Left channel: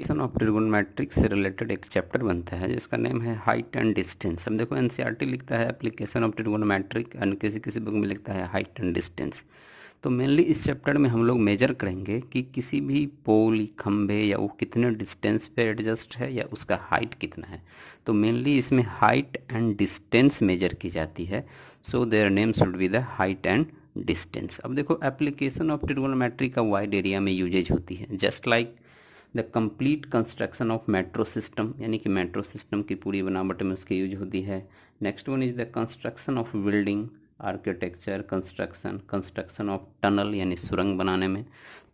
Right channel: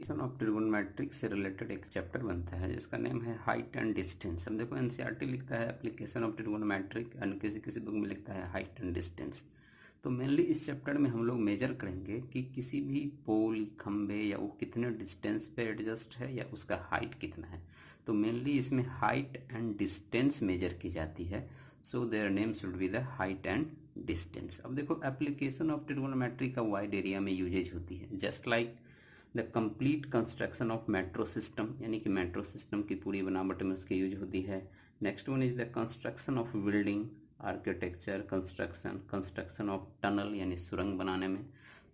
Application of trigonometric से related एक chapter बनता है जिसका नेम है हाइट एंड डिस्टेंस। अब देखो एनसीईआरटी लिखता है एप्लीकेशन ऑफ ट्रिगोनोमेट्रिक एंड किसी किसी बुक में लिखता है हाइट एंड डिस्टेंस। तो मेनली इस चैप्टर में हम लोग मेजर करेंगे कि किसी भी पोल खंभे या वो कितने डिस्टेंस पे एडजस्ट है या उसका हाइट कितना है। तो मेनली इसमें हाइट एंड डिस्टेंस मेजर की जाती है। So their name should be the height and distance. अब देखो एप्लीकेशन ऑफ ट्रिगोनोमेट्री का वाइड एरिया में यूजेज होती है, just like the complete construction of metro system, यानी कि मेट्रो सिस्टम की पूरी बनावट में उसकी यूज होती है। Next one is the construction of building, architecture, construction of tunnel यानी सुरंग बनाने में।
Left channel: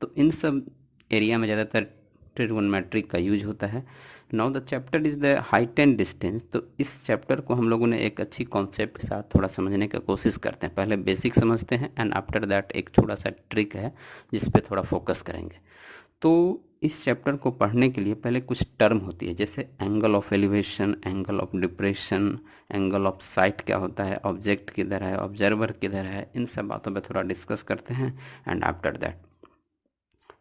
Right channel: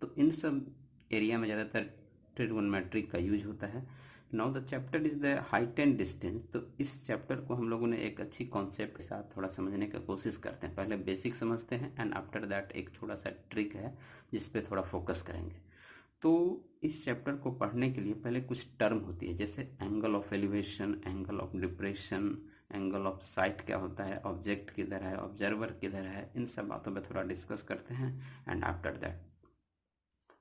तो इन सब एरिया में ज़्यादातर ट्रिगोनोमेट्रिक का यूज होता है। Now the chapter is the height and distance. तो इस चैप्टर को हम लोगों ने एक अच्छी कॉन्सेप्ट के साथ थोड़ा समझने का कोशिश करते हैं। पहले बेसिक समझते हैं एंड आफ्टर दैट एक छोटा सा ट्रिक है जिस पे थोड़ा फोकस करेंगे। तो इस चैप्टर को पढ़ने के लिए पहले कुछ टर्म होती है, जैसे angle of elevation, angle of depression, angle of site क्या होता है, ऑब्जेक्ट किधर है, ऑब्जर्वर किधर है, इन सब बातों पे थोड़ा डिस्कस करते हैं एंड आफ्टर दैट।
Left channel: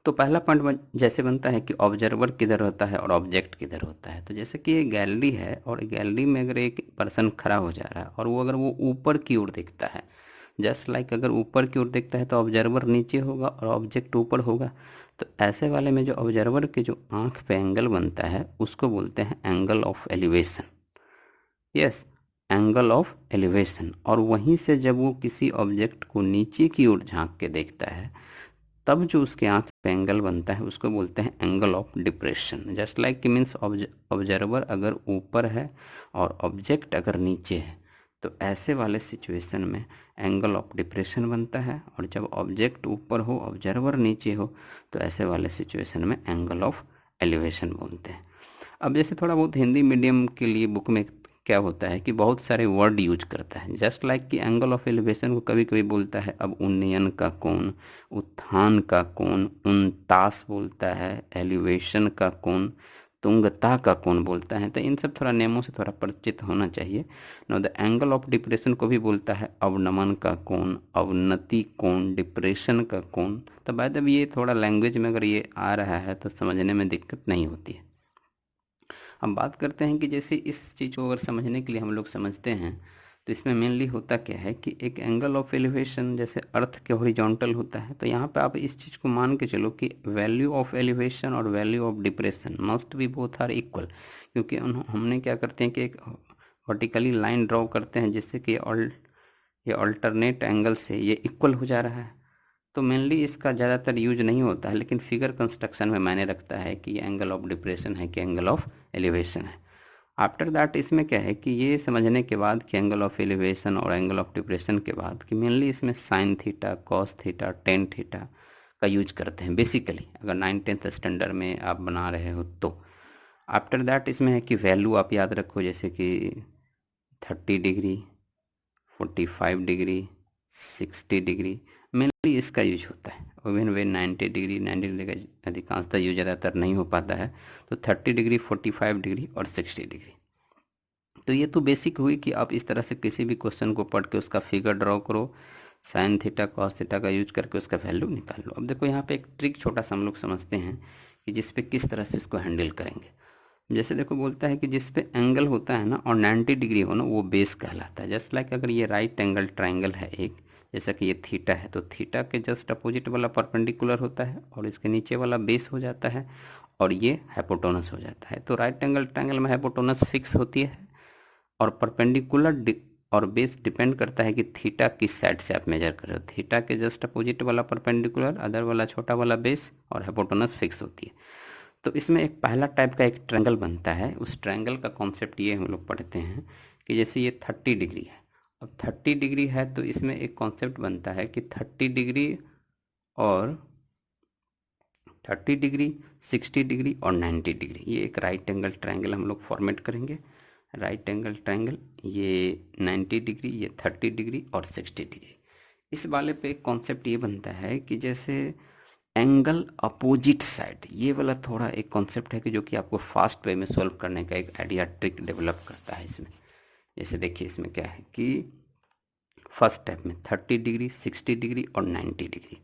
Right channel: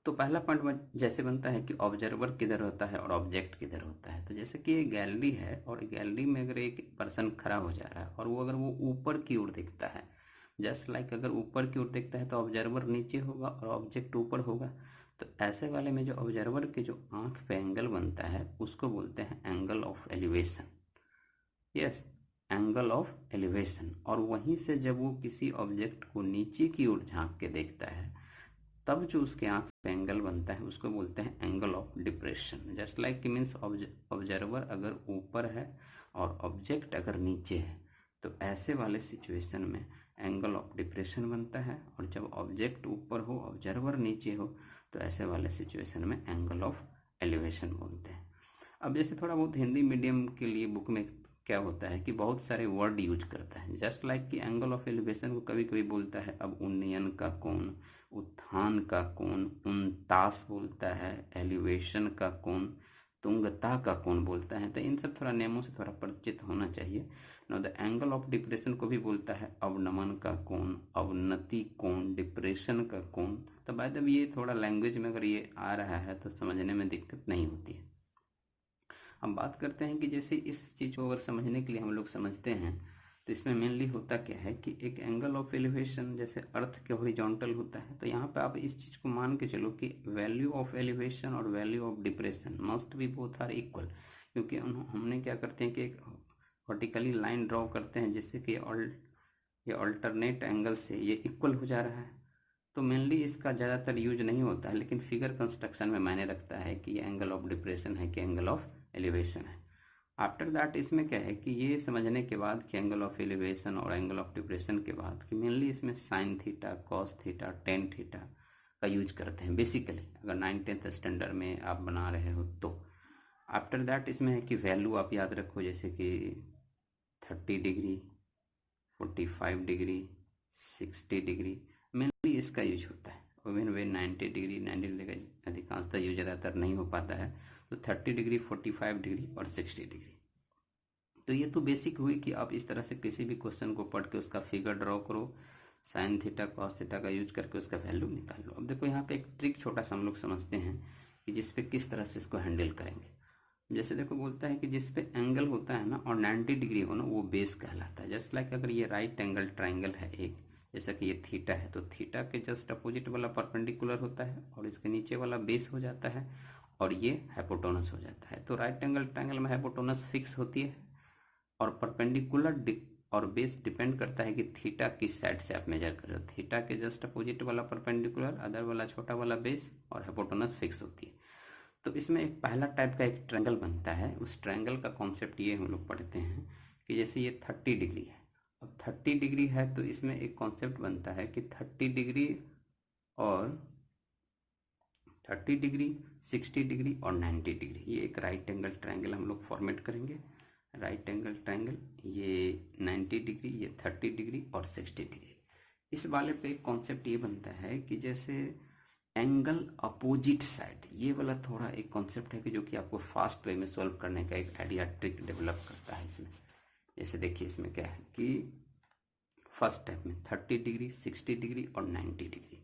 तो पहला पॉइंट जैसे बनता है कि ऑब्जर्वर किधर होता है और ऑब्जेक्ट किधर होता है। तो जैसे कि ये गैलरी है और गैलरी में अगर एक पर्सन खड़ा हो जा रहा है और वो अगर वो ऊपर की ओर देखता है, जस्ट लाइक अगर ऊपर की ओर देखता है तो ऑब्जर्वर नीचे होगा और ऑब्जेक्ट ऊपर होगा। तो ऐसे वाले में जो ऑब्जर्वर के जो आंख पे एंगल बनता है उसको बोलते हैं angle of elevation. Yes, angle of elevation. और वहीं से जब वो किसी ऑब्जेक्ट को नीचे की ओर झांक के देखता है तब जो उसके आंख पे एंगल बनता है उसको बोलते हैं angle of depression. Just like कि मीन्स ऑब्जर्वर अगर ऊपर है और ऑब्जेक्ट अगर नीचे है तो ऐसे वाले सिचुएशन में एंगल ऑफ डिप्रेशन बनता है, और जब ऑब्जेक्ट ऊपर हो ऑब्जर्वर नीचे हो तो ऐसे वाले सिचुएशन में एंगल ऑफ एलिवेशन बोलते हैं। अब जैसे थोड़ा बहुत हिंदी मीडियम के लिए बुक में क्या होता है कि बहुत सारे वर्ड यूज करता है, जस्ट लाइक कि एंगल ऑफ एलिवेशन को कभी कभी बोलता है अब उन्नयन का कोण, उत्थान का कोण, उनतास बोलता है, एलिवेशन का कोण, तुंगता का कोण बोलता है। तो इन सब थोड़ा नेमों से थोड़ा परिचित होना चाहिए। Know the angle of depression को भी बोलता है अवनमन का कोण, अवनति कोण, डिप्रेशन का कोण। तो बाय द वे ये थोड़ा लैंग्वेज में अगर ये आ रहा है तो समझने में दिक्कत नहीं होती है। हम बात करते हैं कि जैसे इस चीज़ को अगर समझने के लिए हम लोग समझते हैं तो इसमें मेनली होता क्या है कि एक एंगल ऑफ एलिवेशन जैसे अर्थ के हॉरिजॉन्टल होता है, तो यहाँ पे आप इस चीज़ को मान के चलो कि वैल्यू ऑफ एलिवेशन और value of depression must be both are equal. क्योंकि हमने क्या करते हैं कि एक वर्टिकली लाइन ड्रॉ करते हैं जिससे कि ये अल्टरनेट एंगल से ये इक्वल हो जा रहा है। तो मेनली इसका ज़्यादातर यूज नहीं होता है, लेकिन फिगर कंस्ट्रक्शन में मायने रखता है कि ये एंगल ऑफ डिप्रेशन है कि एंगल ऑफ एलिवेशन है। आफ्टर दैट इसमें क्या है कि ये समझने के बाद कि एंगल ऑफ एलिवेशन और एंगल ऑफ डिप्रेशन के बाद कि मेनली इसमें sine theta, cos theta, tan theta का यूज करते हैं बेसिकली, अगर 9th स्टैंडर्ड में आप बना रहे हो तो। आफ्टर दैट इसमें है कि वैल्यू आप याद रखो, जैसे कि 30 डिग्री, 45 डिग्री, 60 डिग्री, मेनली इसका यूज होता है। इवन वे 90 डिग्री, 90 डिग्री का अधिकांशतः यूज ज़्यादातर नहीं हो पाता है। तो 30 डिग्री, 45 डिग्री और 60 डिग्री। तो ये तो बेसिक हुई कि आप इस तरह से किसी भी क्वेश्चन को पढ़ के उसका फिगर ड्रॉ करो, साइन थीटा कॉस थीटा का यूज करके उसका वैल्यू निकाल लो। अब देखो यहाँ पे एक ट्रिक छोटा सा हम लोग समझते हैं कि जिस पे किस तरह से इसको हैंडल करेंगे। जैसे देखो बोलता है कि जिस पे एंगल होता है ना और 90 डिग्री हो ना वो बेस कहलाता है। जस्ट लाइक अगर ये राइट एंगल ट्राइंगल है एक, जैसा कि ये थीटा है तो थीटा के जस्ट अपोजिट वाला परपेंडिकुलर होता है और इसके नीचे वाला बेस हो जाता है और ये हाइपोटेनस हो जाता है। तो राइट एंगल ट्राइंगल में हाइपोटेनस फिक्स होती है और परपेंडिकुलर और बेस डिपेंड करता है कि थीटा किस साइड से आप मेजर कर रहे हो। थीटा के जस्ट अपोजिट वाला परपेंडिकुलर, अदर वाला छोटा वाला बेस और हाइपोटेनस फिक्स होती है। तो इसमें एक पहला टाइप का एक ट्रायंगल बनता है। उस ट्रायंगल का कॉन्सेप्ट ये हम लोग पढ़ते हैं कि जैसे ये 30 डिग्री है, अब 30 डिग्री है तो इसमें एक कॉन्सेप्ट बनता है कि 30 डिग्री और 30 डिग्री, 60 डिग्री और 90 डिग्री, ये एक राइट एंगल ट्रायंगल हम लोग फॉर्मेट करेंगे। राइट एंगल ट्रायंगल, ये 90 डिग्री, ये 30 डिग्री और 60 डिग्री। इस वाले पे एक कॉन्सेप्ट ये बनता है कि जैसे एंगल अपोजिट साइड, ये वाला थोड़ा एक कॉन्सेप्ट है कि जो कि आपको फास्ट वे में सॉल्व करने का एक आइडिया ट्रिक डेवलप करता है इसमें। जैसे देखिए इसमें क्या है कि फर्स्ट स्टेप में 30 डिग्री, 60 डिग्री और 90 डिग्री।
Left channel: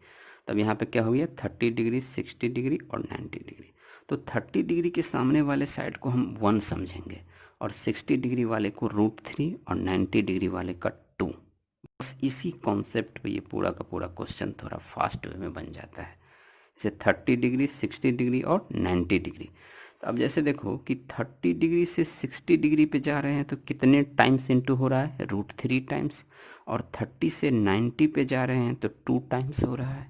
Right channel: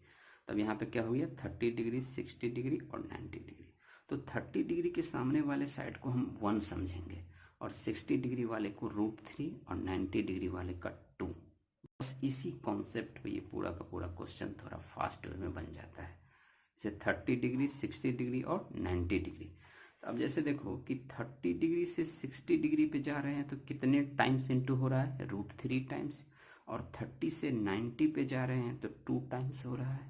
तब यहाँ पे क्या हो गया 30 डिग्री, 60 डिग्री और 90 डिग्री। तो 30 डिग्री के सामने वाले साइड को हम 1 समझेंगे और 60 डिग्री वाले को √3 और 90 डिग्री वाले का 2। बस इसी कॉन्सेप्ट पे ये पूरा का पूरा क्वेश्चन थोड़ा फास्ट वे में बन जाता है। जैसे 30 डिग्री, 60 डिग्री और 90 डिग्री। तो अब जैसे देखो कि 30 डिग्री से 60 डिग्री पे जा रहे हैं तो कितने टाइम्स इंटू हो रहा है, √3 टाइम्स। और 30 से 90 पे जा रहे हैं तो 2 टाइम्स हो रहा है।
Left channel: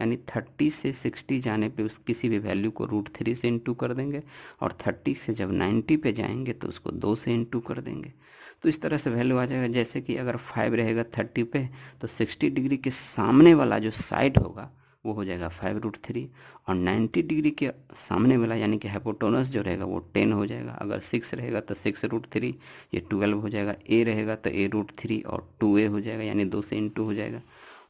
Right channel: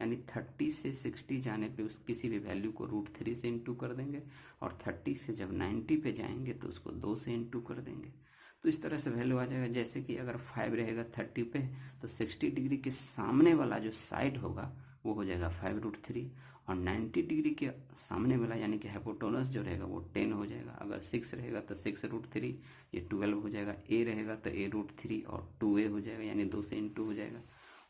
यानी 30 से 60 जाने पे उस किसी भी वैल्यू को √3 से इंटू कर देंगे और 30 से जब 90 पे जाएंगे तो उसको 2 से इंटू कर देंगे। तो इस तरह से वैल्यू आ जाएगा। जैसे कि अगर 5 रहेगा 30 पे तो 60 डिग्री के सामने वाला जो साइड होगा वो हो जाएगा 5√3 और 90 डिग्री के सामने वाला यानी कि हाइपोटेनस जो रहेगा वो 10 हो जाएगा। अगर 6 रहेगा तो 6√3 ये 12 हो जाएगा। ए रहेगा तो a√3 और 2a हो जाएगा यानी 2 से इंटू हो जाएगा।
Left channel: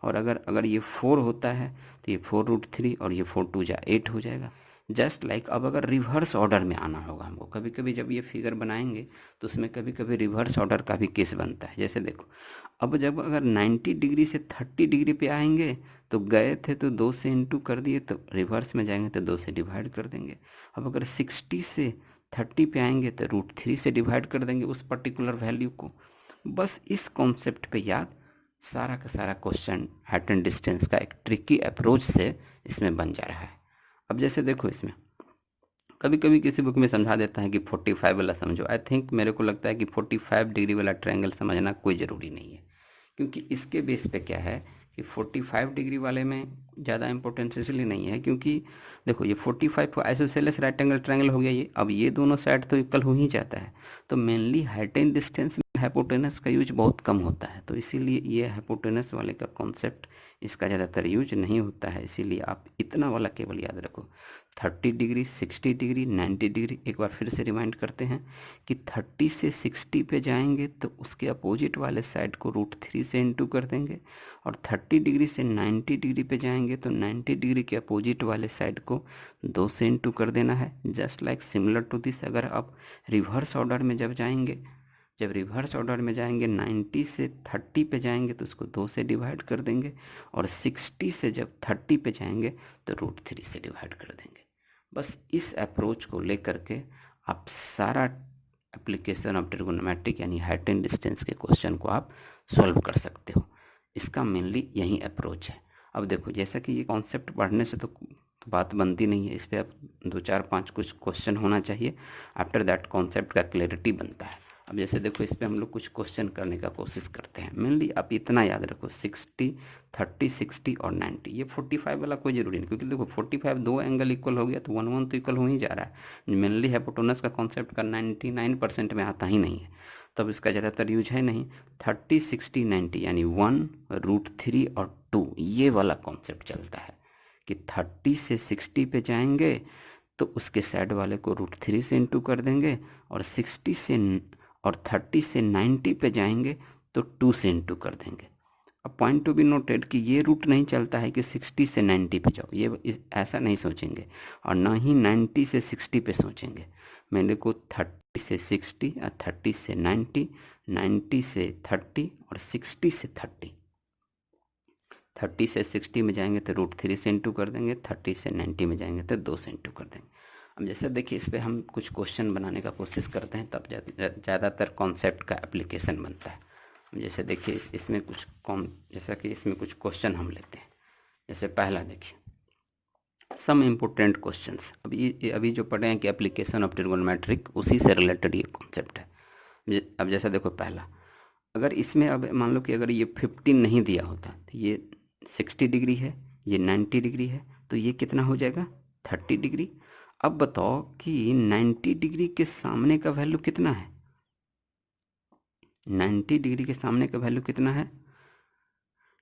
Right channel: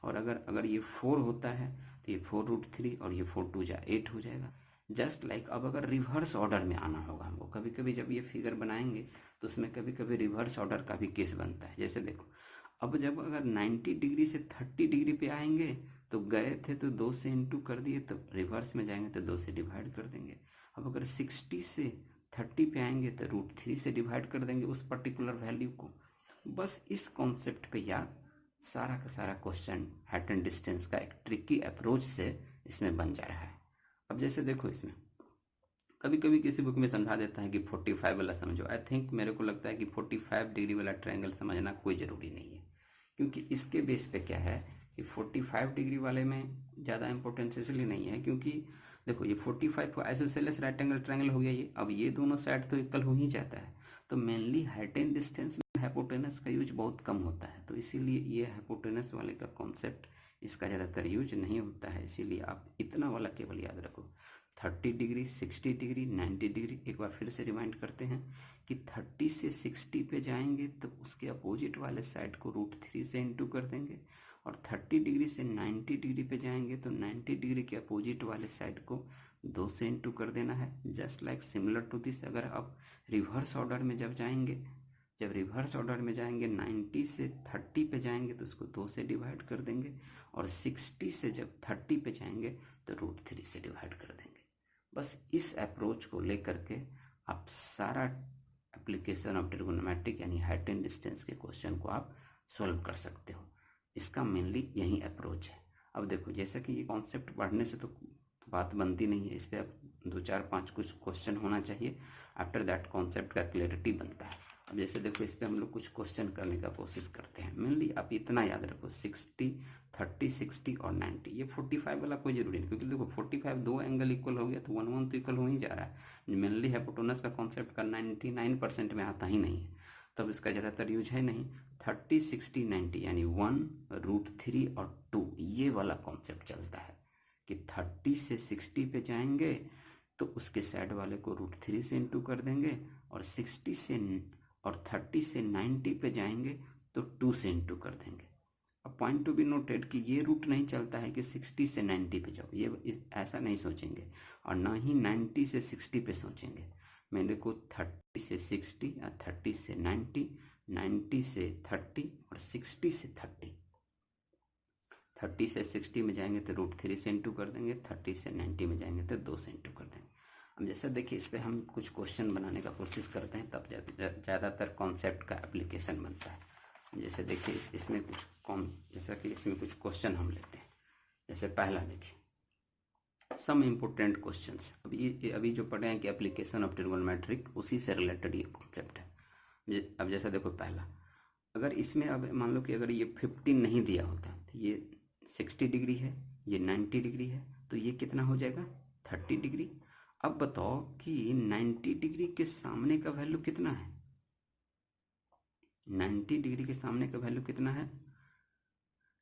और अगर ये 4 होता है तो ये 4√3 और ये 4 2 जा 8 हो जाएगा। जस्ट लाइक अब अगर रिवर्स ऑर्डर में आना होगा हमको, कभी कभी जब ये फिगर बनाएंगे तो उसमें कभी कभी रिवर्स ऑर्डर का भी केस बनता है। जैसे देखो अब जब अगर 90 डिग्री से 30 डिग्री पे आएंगे तो गए थे तो 2 से इंटू कर दिए, तो रिवर्स में जाएंगे तो 2 से डिवाइड कर देंगे। अब अगर 60 से 30 पे आएंगे तो √3 से डिवाइड कर देंगे उस पर्टिकुलर वैल्यू को। बस इस कॉन्सेप्ट पे याद सारा का सारा क्वेश्चन हाइट एंड डिस्टेंस का एक ट्रिकी अप्रोच से इसमें बन जा रहा है। अब जैसे देखो इसमें कभी कभी किसी बुक में समझा देता है कि 45 वाला समझो। आई थिंक मेरे को लगता है कि 45 डिग्री वाला ट्रायंगल समझना कोई ज़रूरी नहीं है, क्योंकि इसके बेस पे क्या है कि 45 डिग्री वाले में ज़्यादा इंपॉर्टेंस इसलिए नहीं है क्योंकि देखो ये 45 को आइसोसेलेस राइट एंगल ट्रायंगल हो गया ये। अब ये दोनों साइड तो इक्वल हो ही जाता है, तो मेनली हाइट एंड डिस्टेंस में हाइपोटेनस का यूज बहुत कम होता है, तो इसीलिए ये हाइपोटेनस वाले का कॉन्सेप्ट इसका ज़्यादातर यूज नहीं होता है। इसीलिए आप इतना वाला केवल याद रखो 30 डिग्री, 60 डिग्री, 90 डिग्री। एक बार फिर से रिमाइंड करते हैं कि 30 से 60 पे जाएंगे तो उसके अपोजिट वाले साइड को √3 से इंटू कर देंगे और 30 डिग्री से 90 डिग्री पे जाएंगे तो 90 डिग्री के अपोजिट वाले साइड को 2 से इंटू कर देना है। Just like similar to this अगर आप रिवर्स ऑर्डर में जब रिवर्स ऑर्डर में जाएंगे 90 से 30 पे जाएंगे तो उसको 2 से डिवाइड कर देंगे और 60 से जब 30 पे जाएंगे तो √3 से डिवाइड कर देंगे। बस इस अप्रोच को लेकर के आप सारा एप्लीकेशन ऑफ ट्रिगोनोमेट्रिक यानी हाइट एंड डिस्टेंस के क्वेश्चन को आप सॉल्व कर सकते हो। इसका मेनली यही अप्रोच है। अब देखो जैसा कि ये कॉन्सेप्ट पढ़ने से तो बात बनती नहीं है, इस पर आप 2 4 5 कुछ क्वेश्चन होना चाहिए। आफ्टर दैट कॉन्सेप्ट का क्लैरिटी बनता है। अब जैसे देखो इस पर हम लोग कुछ क्वेश्चन करने का कोशिश करते हैं। मेनली आप इतना याद रखो 60, 30, 60 और 90। ये 45 वाला कोई ज़रूरी नहीं, क्योंकि देखो 45 दो एंगल इक्वल हो गया तो 1 1 तो इक्वल हो ही जा रहा है। मेनली हाइपोटेनस का कॉन्सेप्ट का 99% में आता ही नहीं है, तब इसका ज़्यादातर यूज है नहीं। 30, 60, 90 यानी 1, √3 और 2 ये वाला कॉन्सेप्ट चलता है कि 30 से 60 पे जाएंगे तो उसके साइड वाले को √3 से इंटू कर देंगे और 30 से 90 पे जाएंगे तो 2 से इंटू कर देंगे। अब पॉइंट टू बी नोटेड कि ये रूट नहीं चलता है कि 60 से 90 पे जाओ, ये ऐसा नहीं सोचेंगे और ना ही 90 से 60 पे सोचेंगे। मेरे को 30 से 60 या 30 से 90, 90 से 30 और 60 से 30। 30 से 60 में जाएंगे तो √3 से इंटू कर देंगे, 30 से 90 में जाएंगे तो 2 से इंटू कर देंगे। अब जैसे देखिए इस पर हम कुछ क्वेश्चन बनाने का कोशिश करते हैं, तब ज़्यादातर कॉन्सेप्ट का एप्लीकेशन बनता है। जैसे देखिए इसमें कुछ जैसा कि इसमें कुछ क्वेश्चन हम लेते हैं। जैसे पहला देखिए सम इम्पोर्टेंट क्वेश्चंस। अभी जो पढ़े हैं कि एप्लीकेशन ऑफ ट्रिगोनोमेट्रिक, उसी से रिलेटेड ये कॉन्सेप्ट है। अब जैसा देखो पहला, अगर इसमें अब मान लो कि अगर ये 15 नहीं दिया होता तो ये 60 डिग्री है, ये 90 डिग्री है, तो ये कितना हो जाएगा 30 डिग्री। अब बताओ कि 90 डिग्री के सामने का वैल्यू कितना है। 90 डिग्री के सामने का वैल्यू कितना है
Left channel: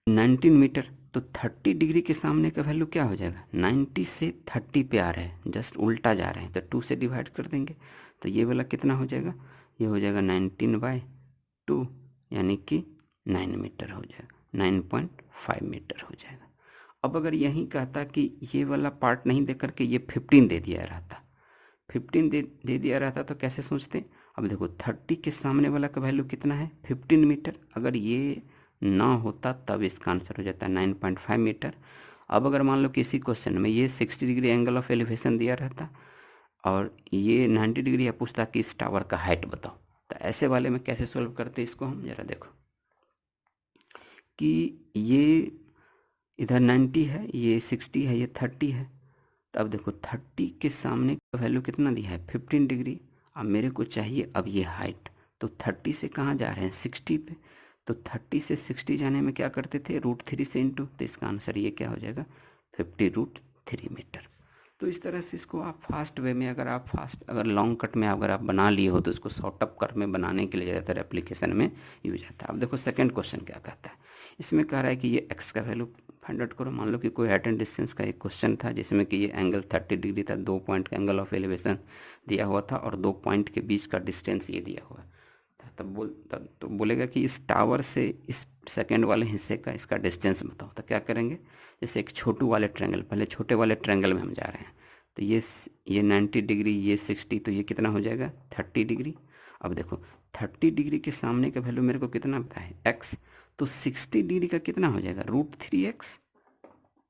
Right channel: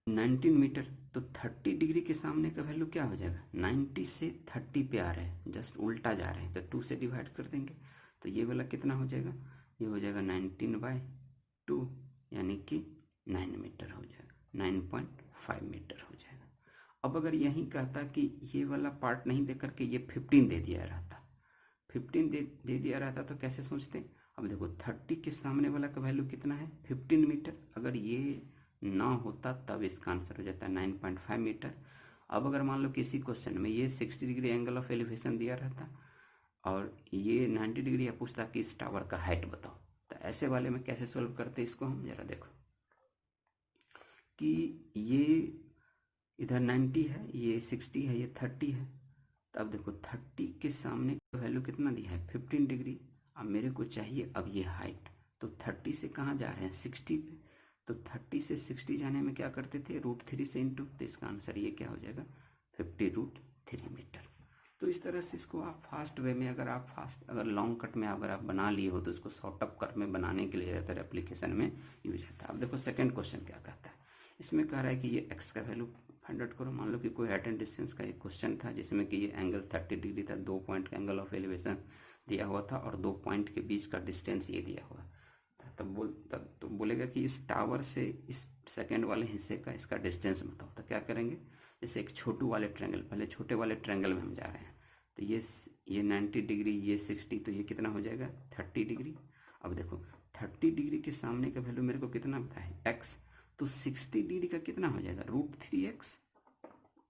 19 मीटर। तो 30 डिग्री के सामने का वैल्यू क्या हो जाएगा, 90 से 30 पे आ रहे हैं, जस्ट उल्टा जा रहे हैं तो 2 से डिवाइड कर देंगे तो ये वाला कितना हो जाएगा, ये हो जाएगा 19/2 यानी कि 9 मीटर हो जाएगा, 9.5 मीटर हो जाएगा। अब अगर यही कहता कि ये वाला पार्ट नहीं दे करके ये 15 दे दिया रहता, 15 दे दिया रहता तो कैसे सोचते। अब देखो 30 के सामने वाला का वैल्यू कितना है 15 मीटर। अगर ये ना होता तब इसका आंसर हो जाता है 9.5 मीटर। अब अगर मान लो किसी क्वेश्चन में ये 60 डिग्री एंगल ऑफ एलिवेशन दिया रहता और ये 90 डिग्री, या पूछता कि इस टावर का हाइट बताओ। तो ऐसे वाले में कैसे सोल्व करते हैं इसको हम, जरा देखो कि ये इधर 90 है, ये 60 है, ये 30 है। तो अब देखो 30 के सामने का वैल्यू कितना दिया है, 15 डिग्री। अब मेरे को चाहिए अब ये हाइट, तो 30 से कहाँ जा रहे हैं, 60 पे। तो 30 से 60 जाने में क्या करते थे, √3 से इंटू, तो इसका आंसर ये क्या हो जाएगा, 50√3 मीटर। तो इस तरह से इसको आप फास्ट वे में, अगर लॉन्ग कट में अगर आप बना लिए हो तो इसको शॉर्ट अप कट में बनाने के लिए ज़्यादातर एप्लीकेशन में यूज आता है। अब देखो सेकंड क्वेश्चन क्या कहता है, इसमें कह रहा है कि ये एक्स का वैल्यू फाइंड आउट करो। मान लो कि कोई हाइट एंड डिस्टेंस का एक क्वेश्चन था जिसमें कि ये एंगल 30 डिग्री था, 2 पॉइंट का एंगल ऑफ एलिवेशन दिया हुआ था और 2 पॉइंट के बीच का डिस्टेंस ये दिया हुआ था। तब तो बोलेगा कि इस टावर से इस सेकंड वाले हिस्से का इसका डिस्टेंस बताओ। तो क्या करेंगे, जैसे एक छोटू वाले ट्रायंगल, पहले छोटे वाले ट्रायंगल में हम जा रहे हैं। तो ये 90 डिग्री, ये 60, तो ये कितना हो जाएगा, 30 डिग्री। अब देखो 30 डिग्री के सामने का वैल्यू मेरे को कितना पता है, एक्स। तो 60 डिग्री का कितना हो जाएगा, √3x।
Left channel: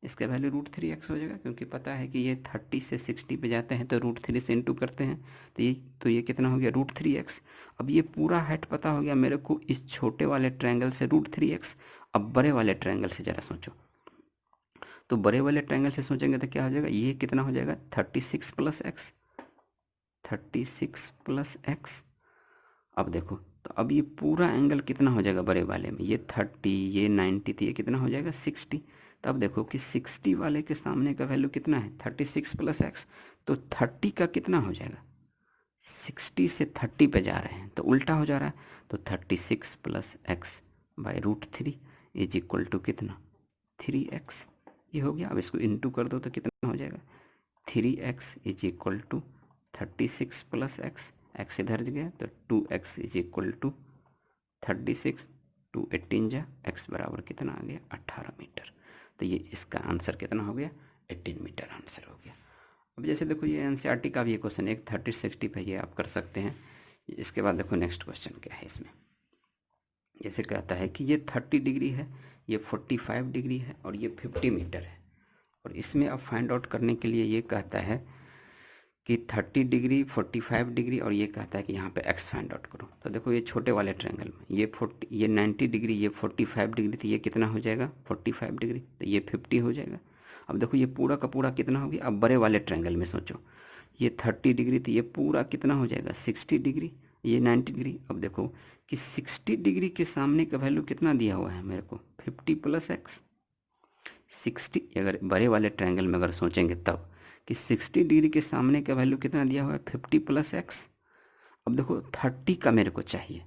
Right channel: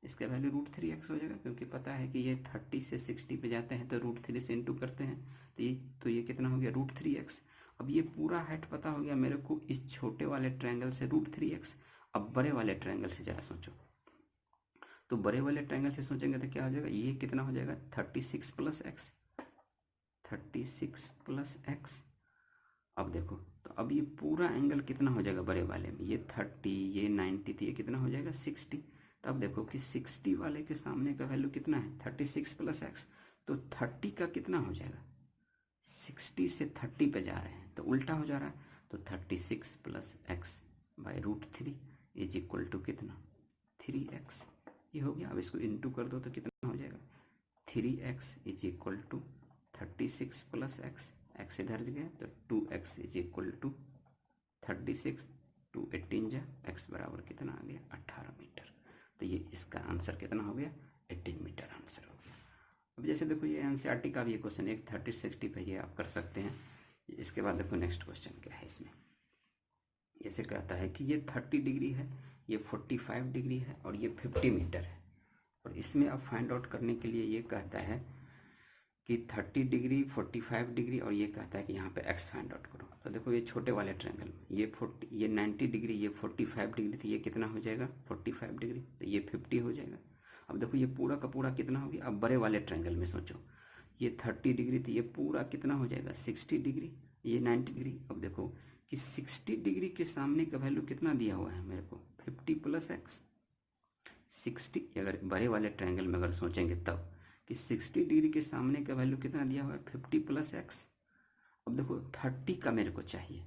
इसका वैल्यू √3x हो जाएगा, क्योंकि पता है कि ये 30 से 60 पे जाते हैं तो √3 से इंटू करते हैं। तो ये कितना हो गया, √3x। अब ये पूरा हाइट पता हो गया मेरे को इस छोटे वाले ट्रायंगल से, √3x। अब बड़े वाले ट्रायंगल से ज़रा सोचो, तो बड़े वाले ट्रायंगल से सोचेंगे तो क्या हो जाएगा, ये कितना हो जाएगा, 36 प्लस एक्स, 36 प्लस एक्स। अब देखो तो अब ये पूरा एंगल कितना हो जाएगा बड़े वाले में, ये 30, ये 90, तो ये कितना हो जाएगा, 60। तो अब देखो कि 60 वाले के सामने का वैल्यू कितना है, 36 प्लस एक्स। तो 30 का कितना हो जाएगा, 60 से 30 पे जा रहे हैं तो उल्टा हो जा रहा है। तो 36 plus x by √3 is equal to कितना, 3x। ये हो गया। अब इसको इंटू कर दो तो कितना हो जाएगा, 3x is equal to 36 plus x, x इधर गया तो 2x इज इक्वल टू 36, 2 18 जा, एक्स बराबर कितना आ गया, 18 मीटर। तो ये इसका आंसर कितना हो गया, 18 मीटर आंसर हो गया। अब जैसे देखो ये एनसीईआरटी का भी ये क्वेश्चन, एक 30 60 पे ये आप कर सकते हैं। इसके बाद देखो नेक्स्ट क्वेश्चन क्या है इसमें, जैसे कहता है कि ये 30 डिग्री है, ये 45 डिग्री है और ये 50 मीटर है। और इसमें अब फाइंड आउट करने के लिए ये कहता है कि 30 डिग्री, 45 डिग्री, और ये कहता है कि यहाँ पे एक्स फाइंड आउट करो। तो देखो ये छोटे वाले ट्रायंगल में ये 90 डिग्री, ये 45 डिग्री, तो ये कितना हो जाएगा, 45 डिग्री, तो ये 50 हो जाएगा। अब देखो ये पूरा का पूरा कितना हो गया, अब बड़े वाले ट्रायंगल में सोचो, ये 30 डिग्री, तो ये पूरा कितना हो जाएगा, 60 डिग्री, ये 90 डिग्री। अब देखो कि 60 डिग्री के सामने का वैल्यू कितना दिया हुआ है मेरे को, 50 प्लस एक्स। 60 अगर बड़े वाले ट्रायंगल में अगर सोचेंगे तब कि 60 डिग्री के सामने का वैल्यू कितना दिया हुआ है, 50 प्लस एक्स। अब देखो 30 का मेरे को चाहिए,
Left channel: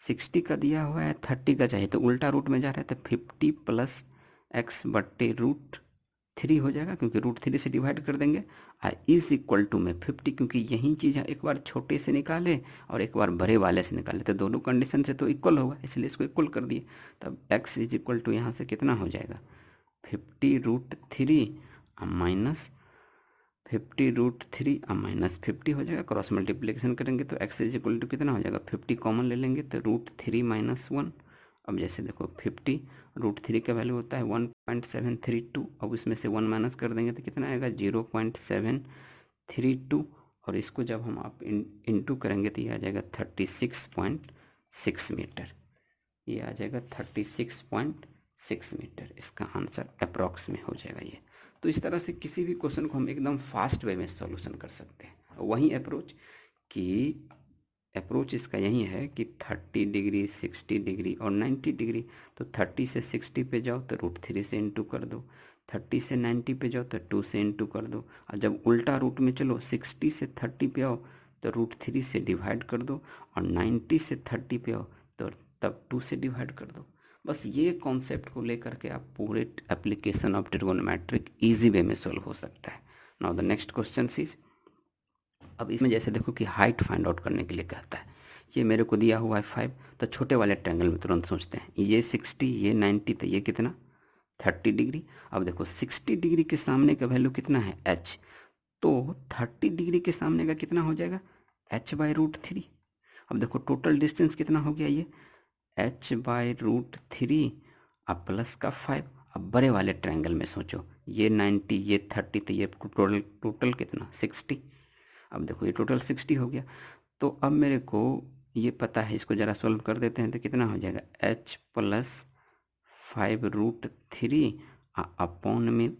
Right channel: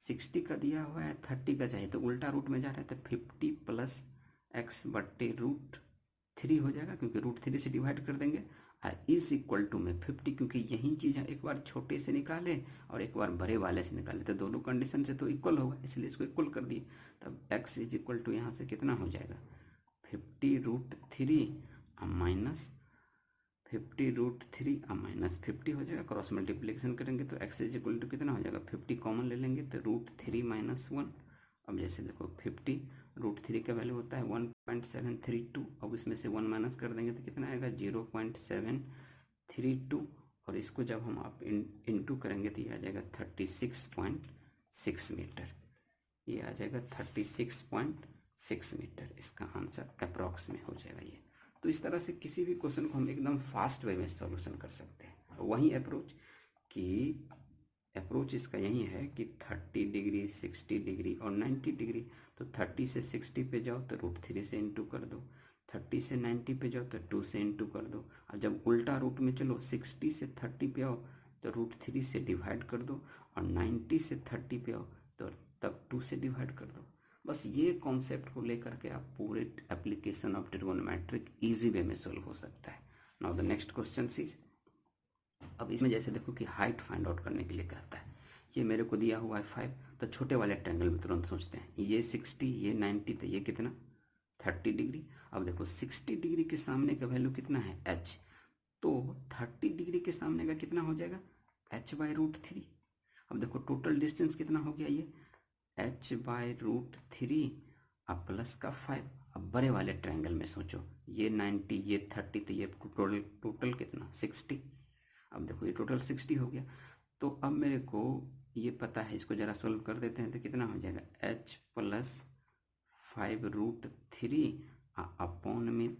60 का दिया हुआ है, 30 का चाहिए, तो उल्टा रूट में जा रहा है, तो 50 प्लस एक्स बट्टे √3 हो जाएगा, क्योंकि √3 से डिवाइड कर देंगे। इज इक्वल टू में 50, क्योंकि यही चीज़ एक बार छोटे से निकाले और एक बार बड़े वाले से निकाले तो दोनों कंडीशन से तो इक्वल होगा, इसलिए इसको इक्वल कर दिए। तब एक्स इज इक्वल टू यहाँ से कितना हो जाएगा, 50√3 माइनस 50√3 अब -50 हो जाएगा, क्रॉस मल्टीप्लिकेशन करेंगे तो x इज इक्वल टू कितना हो जाएगा, 50 कॉमन ले लेंगे तो √3 - 1। अब जैसे देखो 50 √3 का वैल्यू होता है 1.732, अब इसमें से 1 माइनस कर देंगे तो कितना आएगा, 0.732, और इसको जब हम आप इंटू करेंगे तो ये आ जाएगा 36.6 मीटर। ये आ जाएगा 36.6 मीटर, इसका आंसर अप्रॉक्स में हो जाएगा ये। तो इस तरह से किसी भी क्वेश्चन को हम एकदम फास्ट वे में सॉल्यूशन कर सकते हैं। वही अप्रोच इसका यही है कि 30 डिग्री, 60 डिग्री और 90 डिग्री। तो 30 से 60 पे जाओ तो √3 से इंटू कर दो, 30 से 90 पे जाओ तो 2 से इंटू कर दो, और जब उल्टा रूट में चलो 60 से 30 पे आओ तो √3 से डिवाइड कर दो, और 90 से 30 पे आओ तो तब 2 से डिवाइड कर दो। बस ये कॉन्सेप्ट को लेकर के आप पूरे application of trigonometric easy way में सॉल्व हो सकता है। Now the next question is, अब इसमें जैसे देखो कि हाइट फाइंड आउट करने के लिए कहता है, ये मेरे को दिया हुआ है 5, तो छोटे वाले ट्रायंगल में तुरंत सोचते हैं, ये 60, ये 90, तो ये कितना 30 डिग्री। अब देखो 60 डिग्री के सामने का वैल्यू कितना है, h, तो 30 डिग्री के सामने का कितना हो जाएगा, h बाई √3। अब देखो टोटल डिस्टेंस कितना हो गया, ये h बाई √3 अब प्लस का 5। अब बड़े वाले ट्रायंगल में सोचो, ये 90, ये 30, तो ये टोटल कितना 60। अब देखो ये टोटल 60 हो गया। तो अब मेरे को ये पता है, इसको ज़रा सॉल्व कर देते हैं तो कितना हो जाएगा, h प्लस 5√3 अपॉन में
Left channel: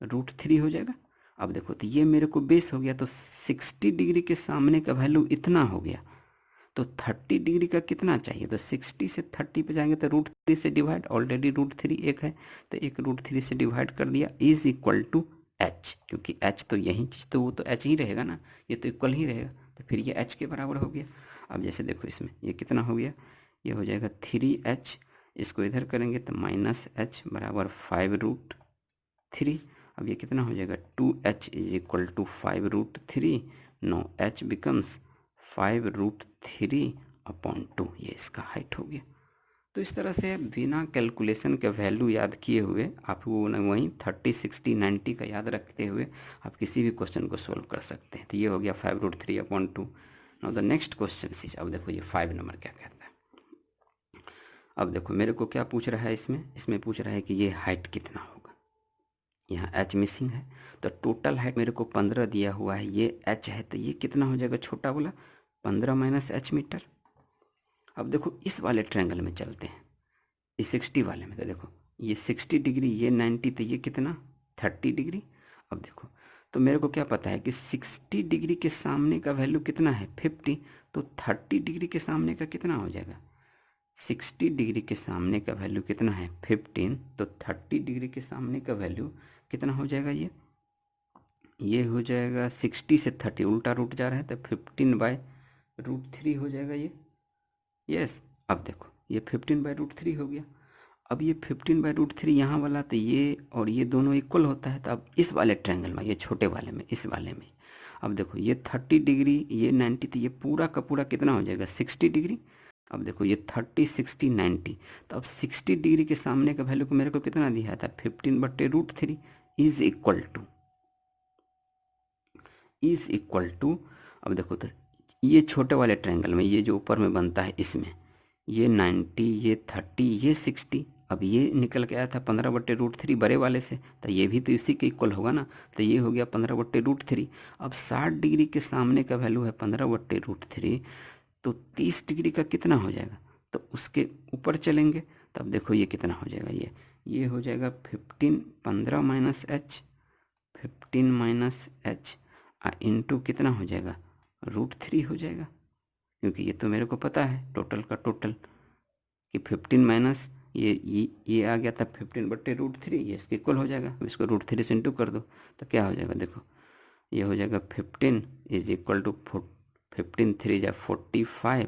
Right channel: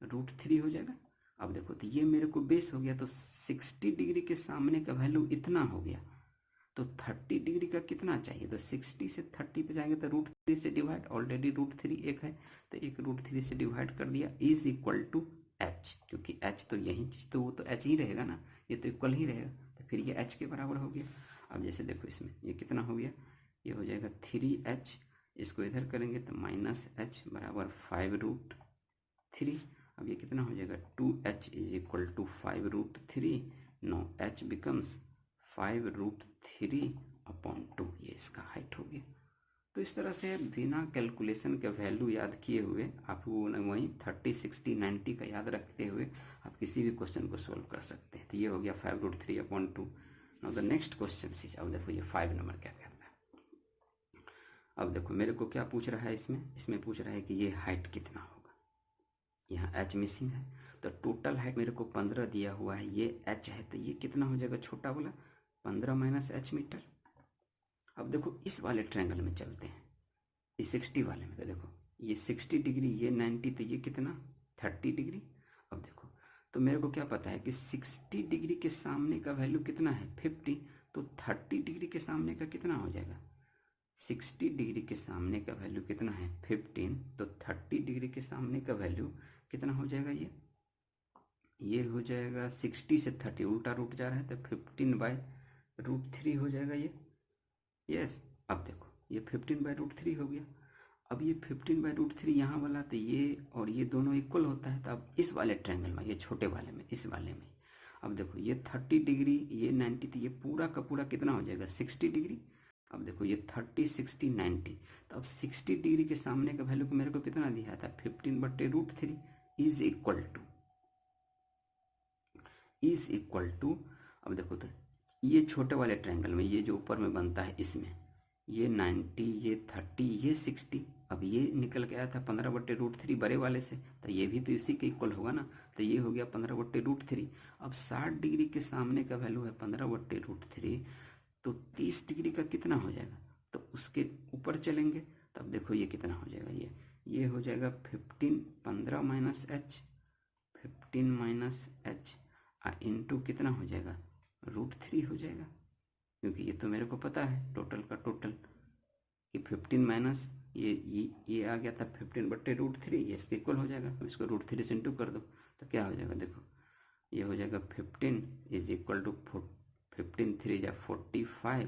√3 हो जाएगा। अब देखो तो ये मेरे को बेस हो गया, तो 60 डिग्री के सामने का वैल्यू इतना हो गया, तो 30 डिग्री का कितना चाहिए, तो 60 से 30 पे जाएंगे तो √3 से डिवाइड, ऑलरेडी √3 एक है तो एक √3 से डिवाइड कर दिया, इज इक्वल टू h, क्योंकि h तो यही चीज़ तो वो तो h ही रहेगा ना, ये तो इक्वल ही रहेगा, तो फिर ये h के बराबर हो गया। अब जैसे देखो इसमें ये कितना हो गया, ये हो जाएगा 3h, इसको इधर करेंगे तो -h बराबर 5√3। अब ये कितना हो जाएगा, 2h is equal to 5√3, no h becomes 5√3/2, ये इसका हाइट हो गया। तो इस तरह से बिना कैलकुलेशन के वैल्यू याद किए हुए आपको वहीं 30, 60, 90 का याद रखते हुए आप किसी भी क्वेश्चन को सोल्व कर सकते हैं। तो ये हो गया 5√3/2। Now the next question is, अब देखो ये 5 नंबर क्या कहता है। अब देखो मेरे को क्या पूछ रहा है, इसमें पूछ रहा है कि ये हाइट कितना होगा, यहाँ h मिसिंग है, तो टोटल हाइट मेरे को 15 दिया हुआ है, ये h है, तो ये कितना हो जाएगा, छोटा बोला 15 - h मीटर। अब देखो इस वाले ट्रायंगल में चलते हैं, इस 60 वाले में, तो देखो ये 60 डिग्री, ये 90, तो ये कितना 30 डिग्री। अब देखो तो मेरे को क्या पता है कि 60 डिग्री के सामने का वैल्यू कितना है 50, तो 30 डिग्री के सामने का कितना हो जाएगा, 60 डिग्री के सामने का वैल्यू कितना है 15, तो 30 डिग्री के सामने का वैल्यू कितना हो जाएगा, ये हो जाएगा 60 से 30 उल्टा रूट जा रहा है, तो 15/√3 हो जाएगा ये। यस, अब देखो ये 15/√3 हो गया। अब ये 15/√3 यहाँ वाला, तो ये और ये दोनों इक्वल होता है, तो अब इस वाले ट्रायंगल में, ये छोटे वाले में, इस वाले में, अब देखो ये 30 डिग्री, ये 90, तो ये पूरा का पूरा कितना हो जाएगा 60 डिग्री। अब देखो ये 30, 60, 90, तो अब 60 डिग्री के सामने का वैल्यू को मेरे को कितना दिया था 15/√3 इज इक्वल टू, अब देखो तो ये छोटे वाले ट्रायंगल में, ये जो ऊपर में बनता है इसमें, ये 90, ये 30, ये 60, अब ये निकल के आया था 15/√3 बड़े वाले से, तो ये भी तो इसी के इक्वल होगा ना, तो ये हो गया 15/√3। अब 60 डिग्री के सामने का वैल्यू है 15/√3, तो 30 डिग्री का कितना हो जाएगा, तो उसके ऊपर चलेंगे, तब देखो ये कितना हो जाएगा, ये हो जाएगा 15, 15 - h, 15 - h इंटू कितना हो जाएगा √3 हो जाएगा, क्योंकि ये तो मेरे को पता है टोटल का टोटल कि 15 माइनस ये आ गया था 15/√3, ये इसके इक्वल हो जाएगा। अब इसको √3 से इंटू कर दो तो क्या हो जाएगा, देखो ये हो जाएगा 15 इज इक्वल टू 15 3 जा 45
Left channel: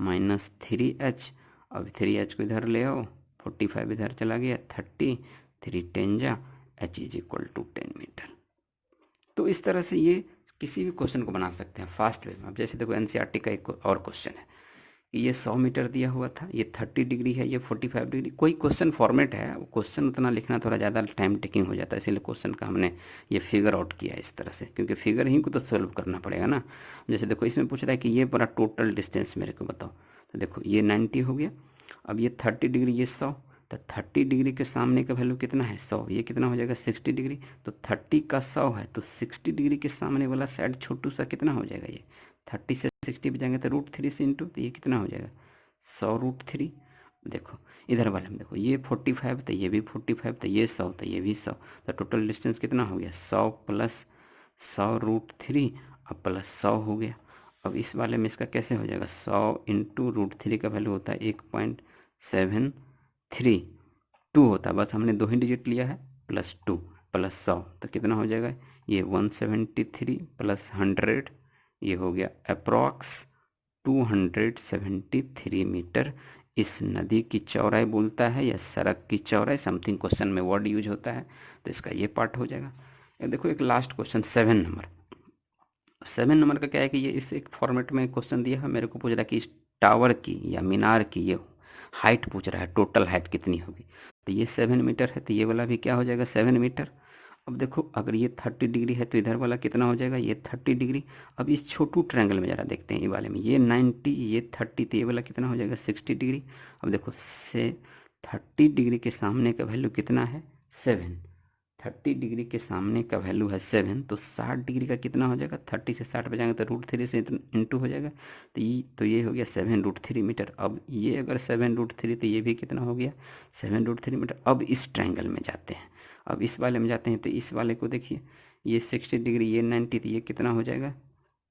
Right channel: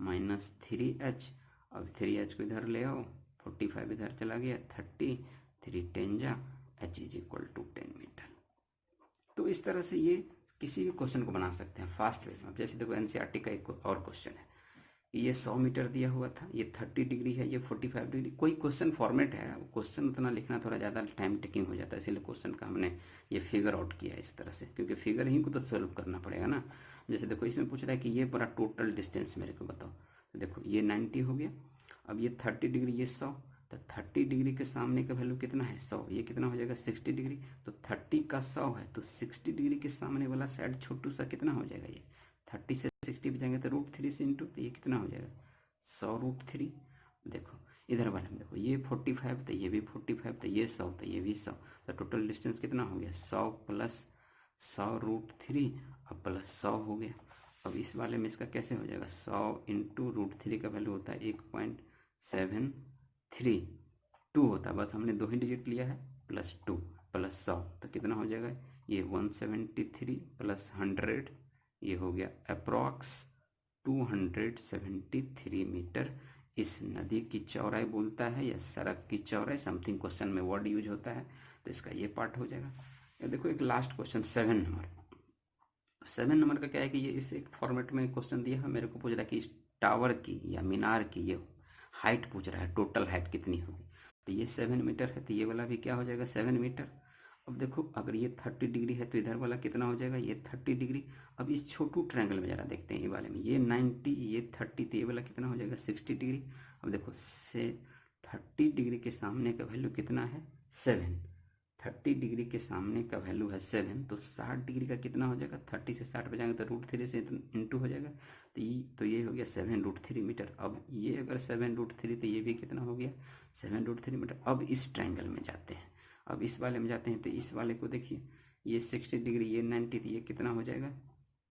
-3h, अब 3h को इधर ले आओ, 45 इधर चला गया 30, 3 10 जा h is equal to 10 meter. तो इस तरह से ये किसी भी क्वेश्चन को बना सकते हैं फास्ट वे में। अब जैसे देखो एनसीईआरटी का एक और क्वेश्चन है कि ये 100 मीटर दिया हुआ था, ये 30 डिग्री है, ये 45 डिग्री, कोई क्वेश्चन फॉर्मेट है, वो क्वेश्चन उतना लिखना थोड़ा ज़्यादा टाइम टेकिंग हो जाता है, इसीलिए क्वेश्चन का हमने ये फिगर आउट किया इस तरह से, क्योंकि फिगर ही को तो सॉल्व करना पड़ेगा ना। जैसे देखो इसमें पूछ रहा है कि ये पूरा टोटल डिस्टेंस मेरे को बताओ, तो देखो ये 90 हो गया, अब ये 30 डिग्री, ये 100, तो 30 डिग्री के सामने का वैल्यू कितना है 100, ये कितना हो जाएगा 60 डिग्री, तो 30 का 100 है, तो 60 डिग्री के सामने वाला साइड छोटू सा कितना हो जाएगा, ये 30 से 60 पे जाएंगे तो √3 से इंटू, तो ये कितना हो जाएगा 100√3। देखो इधर वाले में देखो ये 45, तो ये भी 45, तो ये 100, तो ये भी 100, तो टोटल डिस्टेंस कितना हो गया 100 प्लस 100√3 अब प्लस 100 हो गया। अब इस वाले में इसका कैसे हो जाएगा 100 इंटू √3 का वैल्यू होता है 1.732 होता है, बस हमने 2 ही डिजिट लिया है, +2 प्लस 100, तो कितना हो जाएगा ये 173 प्लस 100, ये हो गया अप्रॉक्स 273 मीटर। इस नदी की चौड़ाई बोलता है या सड़क की चौड़ाई, समथिंग क्वेश्चन में वर्ड यूज होता है, तो इसका ये पार्ट हो जाएगा। ये देखो एक लास्ट क्वेश्चन 7 नंबर, 7 नंबर का क्या है कि ये इस एक फॉर्मेट में क्वेश्चन दिया है, मेरे को पूछ रहा है कि इस टावर की या मीनार की ये हाइट पूछ रहा है, टोटल हाइट कितनी होगी, तो ये 7 मीटर है, तो ये वाला भी क्या हो जाएगा 7 मीटर। अब देखो अगर ये 30 डिग्री है तो इधर वाला कितना हो जाएगा ये 30 डिग्री। अब इस छोटू ट्रायंगल में ज़रा देखते हैं, ये वाले में ये 90, ये 30, तो ये वाला कितना हो जाएगा 60 डिग्री। अब देखो से 30 डिग्री के सामने का वैल्यू कितना है 7, 30 डिग्री के सामने का वैल्यू है 7, तो 60 डिग्री का कितना हो जाएगा, 30 से 60 बजाएंगे तो √3 से इंटू हो जाएगा, तो ये हो गया 7√3 मीटर। अब ये अगर 7√3 तो ये भी कितना हो गया 7√3 मीटर। अब इस ट्रायंगल में जाते हैं, अब इस वाले में जाते हैं, तो इस वाले को देखिए, ये 60 डिग्री, ये 90, तो ये कितना हो जाएगा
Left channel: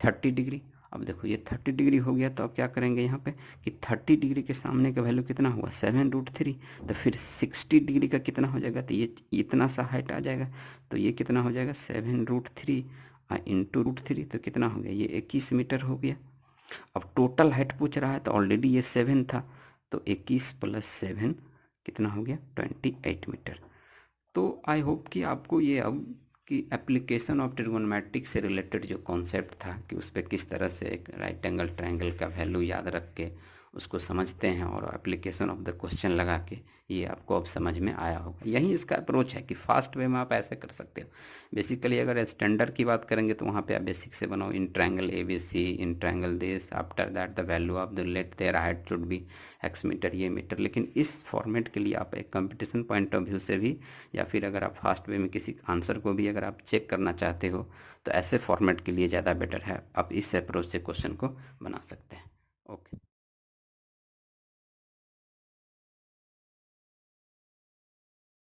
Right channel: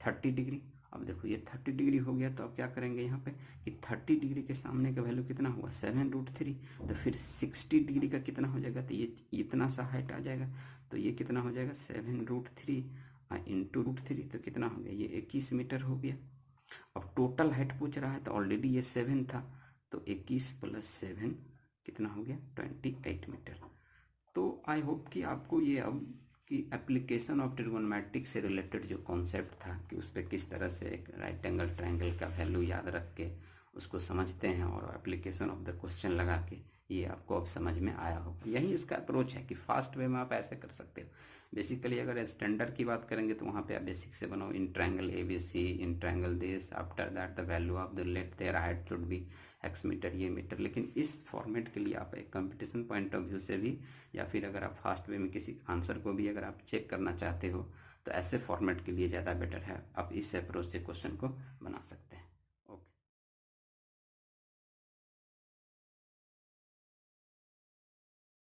30 डिग्री। अब देखो ये 30 डिग्री हो गया, तो अब क्या करेंगे यहाँ पे कि 30 डिग्री के सामने का वैल्यू कितना हुआ 7√3, तो फिर 60 डिग्री का कितना हो जाएगा, तो ये इतना सा हाइट आ जाएगा, तो ये कितना हो जाएगा 7√3 इंटू √3, तो कितना हो गया ये 21 मीटर हो गया। अब टोटल हाइट पूछ रहा है, तो ऑलरेडी ये 7 था, तो 21 + 7 कितना हो गया 28 मीटर। तो आई होप कि आपको ये अब कि एप्लीकेशन ऑफ ट्रिगोनोमेट्रिक से रिलेटेड जो कॉन्सेप्ट था कि उस पर किस तरह से एक राइट एंगल ट्रायंगल का वैल्यू याद रख के उसको समझते हैं और एप्लीकेशन ऑफ द क्वेश्चन लगा के, ये आपको अब समझ में आया होगा। यही इसका अप्रोच है कि फास्ट वे में आप ऐसे कर सकते हो। बेसिकली अगर स्टैंडर्ड की बात करेंगे तो वहाँ पे आप बेसिक से बनाओ, in triangle ABC, in triangle this, after that the value of the let their height should be x meter, ये मीटर। लेकिन इस फॉर्मेट के लिए आप एक कंपटीशन पॉइंट ऑफ व्यू से भी, या फिर अगर आप फास्ट वे में किसी आंसर को भी अगर आप चेक करना चाहते हो, तो ऐसे फॉर्मेट के लिए ज़्यादा बेटर है, आप इस अप्रोच से क्वेश्चन को बना सकते हैं।